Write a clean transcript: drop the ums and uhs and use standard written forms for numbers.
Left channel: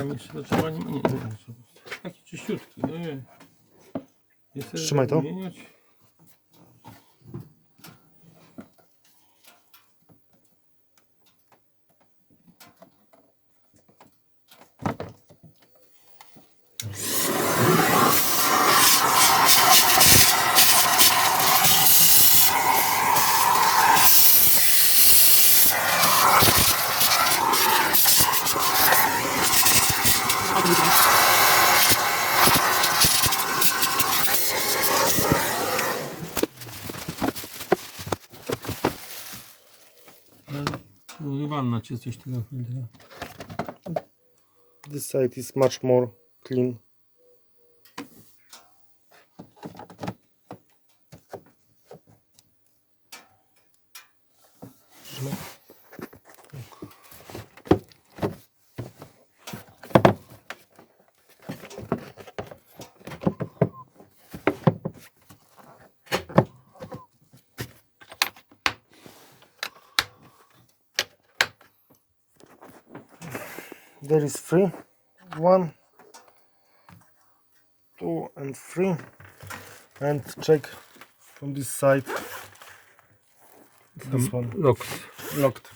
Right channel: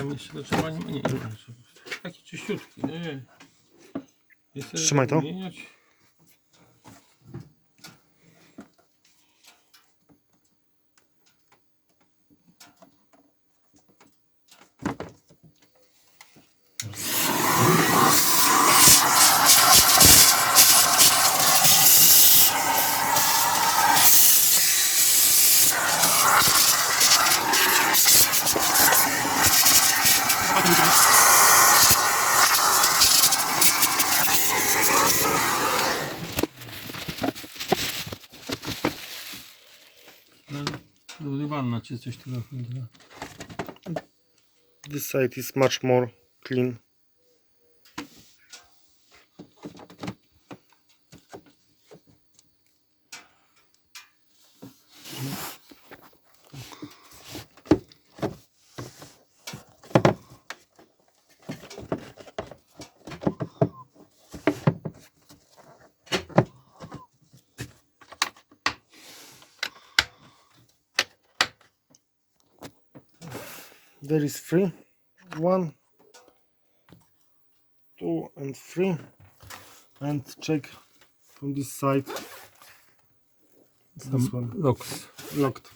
tam jeszcze do trzymania? Nie. Taki czyściutki, nie. Trzymaj to. Zmieniać. Wanna czy coś tego filtra. This side is much more clean. There is 3, 1, 2 and 3, and check from this side. This one Locked.